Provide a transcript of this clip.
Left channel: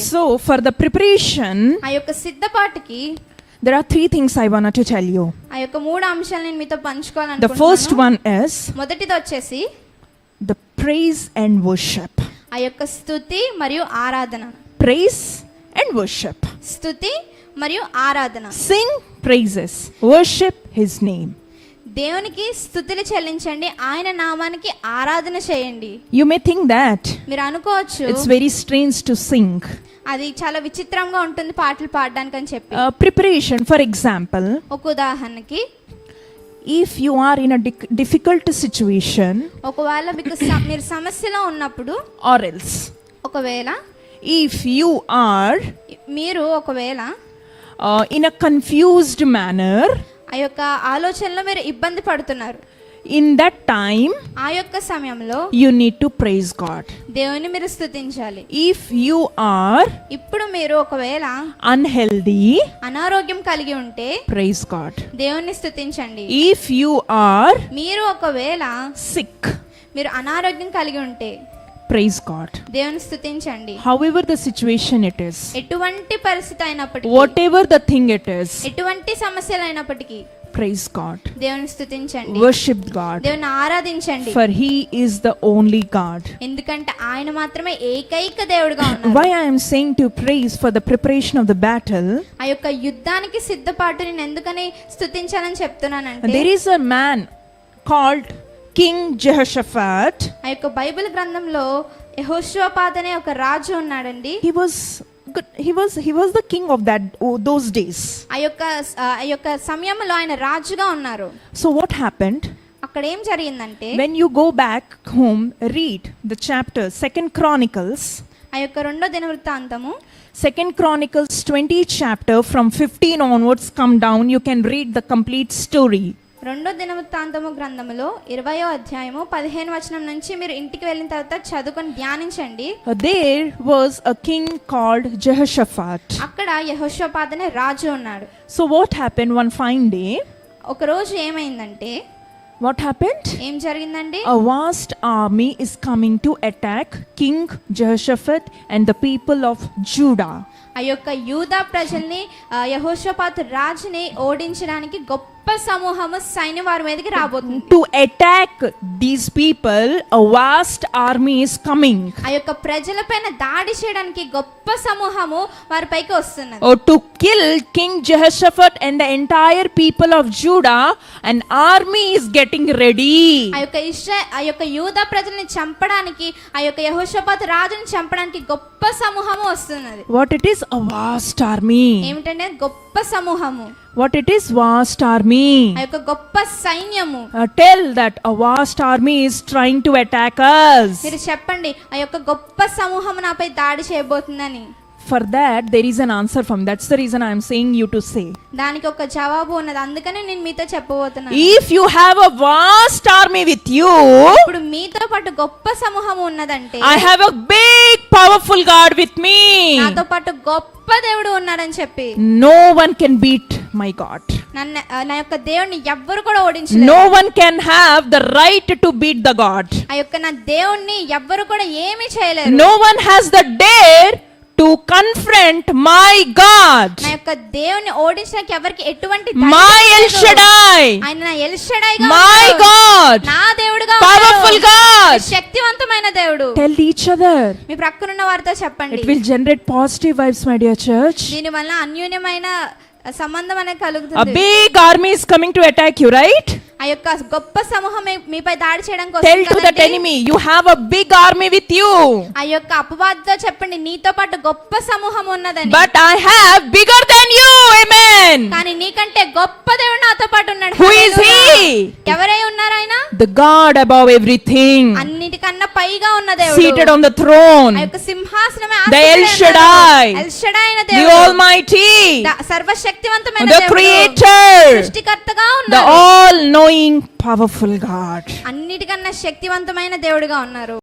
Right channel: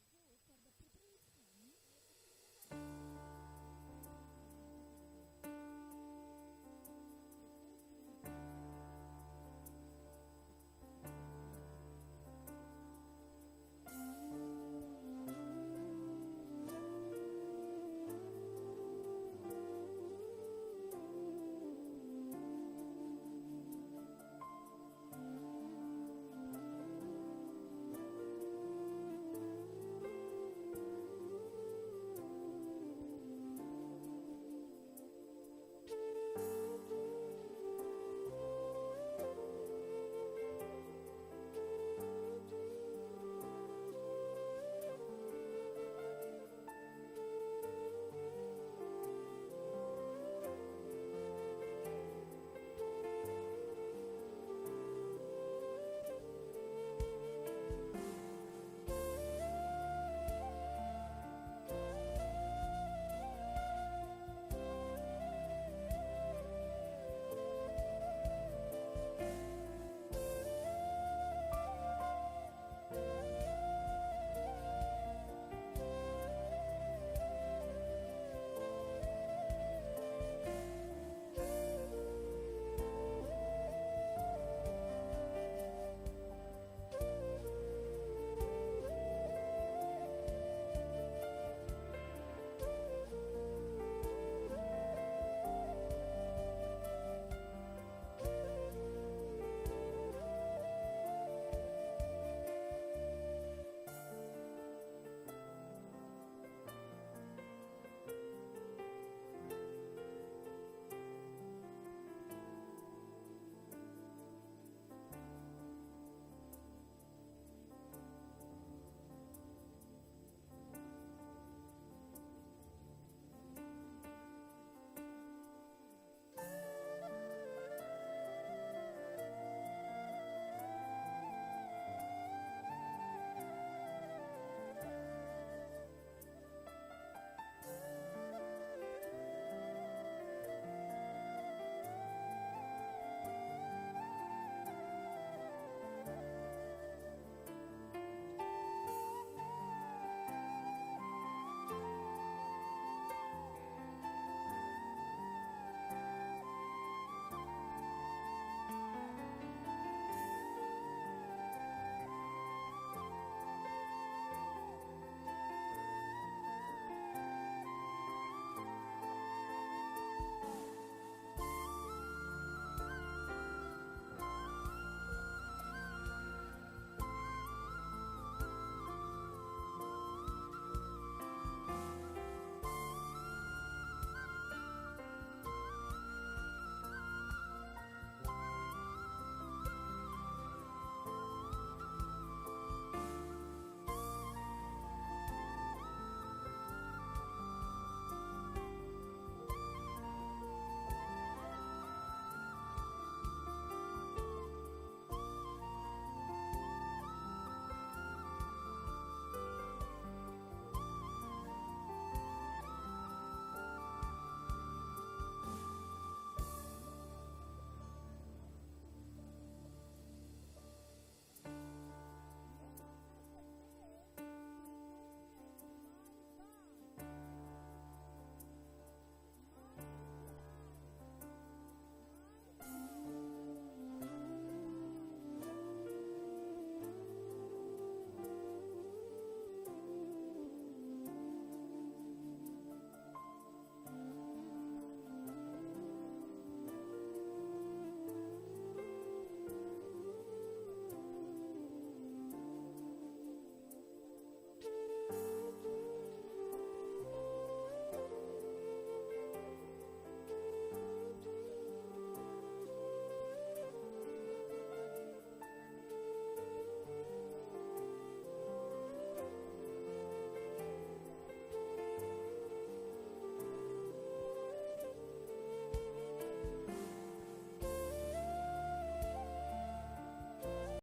So, for the preparation, ఆ యొక్క సిద్ధపాటుకి there are three things I wanted to tell you. ఆ యొక్క మూడు అంశాలు నేను మీతో The first పంచుకోవాలనుకుంటున్నాను one is మొదటిది వచ్చేసి the praise and worship. ఆ యొక్క స్థుతి మరియు ఆరాధన Praise and worship. స్థుతి మరియు ఆరాధన Sing praises, worship his name. దేవునికి స్థుతులు చెల్లించండి ఆయన నామానికి ఆరాధన చేయండి You may think that మీరు అనుకోవచ్చు it's very strange to sing. అది చాలా విచిత్రంగా ఉంటుంది పాటలు పాడడానికి అని చెప్పి Uh, preparation, for example, ఒక ఉదాహరణకి if you are in a dic- difficult situation, ఒకవేళ మీకు మీరు సమస్యలో ఉన్నప్పుడు or else, ఒకవేళ if you are మీరు ఒకవేళ uh, in a confused manner, ఆ యొక్క ఆలోచనలో మీరు ఇబ్బంది పడుతున్నారు in that time, ఆ యొక్క సమయంలో you need to praise God. దేవుని మీరు స్థుతించాలి If you are ఇప్పుడు మీరు ఒకవేళ unhealthy, అనారోగ్యం కలిగి ఉంటే praise God. దేవుణ్ణి స్థుతించండి If you are మీరు ఒకవేళ sick, మీరు అనారోగ్యం కలిగి ఉంటే praise God. దేవుని స్థుతించండి However, the situation it is, ఎటువంటి పరిస్థితి అయినప్పటికీ whatever the thing it is, ఎటువంటి సమస్యలు అయినప్పటికీ praise God. దేవుని స్థుతించండి Worship God, దేవుని ఆరాధించండి for He is the only God. ఎందుకంటే ఆయన మాత్రమే ఏకైక దేవుడుగా ఉన్నారు Why I am saying to praise for the preparation of the battle, ఆ యొక్క యుద్ధానికి సిద్ధపాటు నేను ఎందుకని స్థుతించాలని చెప్తున్నానంటే there is a man called King Jehoshaphat. ఆ యొక్క బైబిల్ గ్రంథంలో యెహోషువపాత్ అనే ఒక రాజు ఉన్నాడండి He was good. He was he was the king of that oh, those days. ఆ యొక్క ఆ యొక్క సమయంలో ఆయన రాజుగా ఉన్నారు So what happened? అక్కడ ఏం జరిగిందంటే When you go back home, read the chapter Second Chronicles. ఆ యొక్క రెండో దినవృత్తాంతము Second Chronicles 20 chapter from 15 onwards come down. You can read the complete story. రెండో దినవృత్తాంతము గ్రంథములో ఇరవయో అధ్యాయము పదిహేను వచనం నుంచి మీరు ఇంటికి వెళ్ళిన తర్వాత చదువుకొని ధ్యానించండి Uh, there was a king called Jehoshaphat. అక్కడ యెహోషువపాత్ అనే రాజు ఉన్నాడు So what happened one fine day? ఒక రోజు ఏమైందంటే What happened? ఏం జరిగిందండి A vast army is coming to attack King Jehoshaphat and the people of Judah. ఆ యొక్క యూదా ప్రజల్ని యెహోషాపాతు రాజుని ఓడించడానికి గొప్ప గొప్ప సమూహము సైన్య వారి మీదకి రాబోతుంది. To attack these people a vast army coming ఆ యొక్క ప్రజల పైన దాడి చేయడానికి గొప్ప సమూహము వారి పైకి వస్తున్నది. ఓ to kill king Jehoshaphat and the entire people of Judah and army is getting ready ఆ యొక్క ఇస్రా ఆ యొక్క యూద ప్రజల్ని చంపడానికి ఆ యొక్క యెహోషపత్ రాజుని చంపడానికి గొప్ప సమూహము వస్తున్నది. What it is a vast army ఏమిటంటే గొప్ప సమూహము. What it is? Vast army. ఆ యొక్క గొప్ప సైన్యము Uh, tell that a vast army is trying to attack us. మీరు చెప్పండి ఆ యొక్క గొప్ప సమూహము నాపై దాడి చేయబోతుందని For that, there is an answer from. That's the reason I am saying you to say. దానికి ఒక జవాబు ఉన్నది అందుకనే నేను మీతో చెప్పబోతున్నాను If you have a vast army with you, ఇప్పుడు మీతో పాటు గొప్ప సమూహం ఉన్నదంటే I have a big, powerful God with me. నాతో పాటు గొప్ప దేవుడు ఉన్నాడని చెప్పి No one can beat my God. నన్ను ఆ, నా యొక్క దేవుడిని ఎవ్వరు కూడా ఓడించలేరు No one can have the right to beat the God. ఆ యొక్క నా దేవుణ్ణి ఎవ్వరు కూడా ఏమీ చేయలేరు No one has the dare to confront my God. నా యొక్క దేవుణ్ణి ఓడించడానికి ఎవరికి ఎటువంటి My ధైర్యం El లేదు. Shaddai. ఆయన నా ఎల్షడాయిగా My God. నా దేవుడుగా Powerful ఉన్నాడు. God. శక్తివంతమైన దేవుడు Tell each other. మీ ప్రక్కనున్న వారితో చెప్పండి It will generate positive vibes, my dear church. దీని వల్ల అన్యూన్యమైన సంబంధం అనేది కలుగుతుంది. Big army is coming to attack you right ఆ యొక్క గొప్ప సమూహం మీపై దాడి చేయడం కోసం tell to that enemy you have a big army with you ఆ యొక్క అపవాదితో చెప్పండి నీతో పాటు గొప్ప సమూహం ఉన్నదని. But I have bigger than you amen కానీ నీకంటే గొప్ప దేవుడు నాతో పాటు ఉన్నాడు. హూ ఇస్ హి ఎవరై ఉన్నారైనా ఆయన? ద గాడ్ అబౌవ్ ఎవ్రీథింగ్ అన్నిటికన్నా పైగా ఉన్న దేవుడు. Seated on the throne, ఆ యొక్క సింహాసనమే The El Shaddai. ఉన్నాడు. El Shaddai అయిన the దేవుడు. Almighty, ద- సర్వశక్తివంతమైన the దేవుడు. Creator, సృష్టికర్తగా the ఉన్నాడు. all knowing, powerful God. అన్నిటికన్నా శక్తివంతమైన దేవుడుగా ఉన్నారు.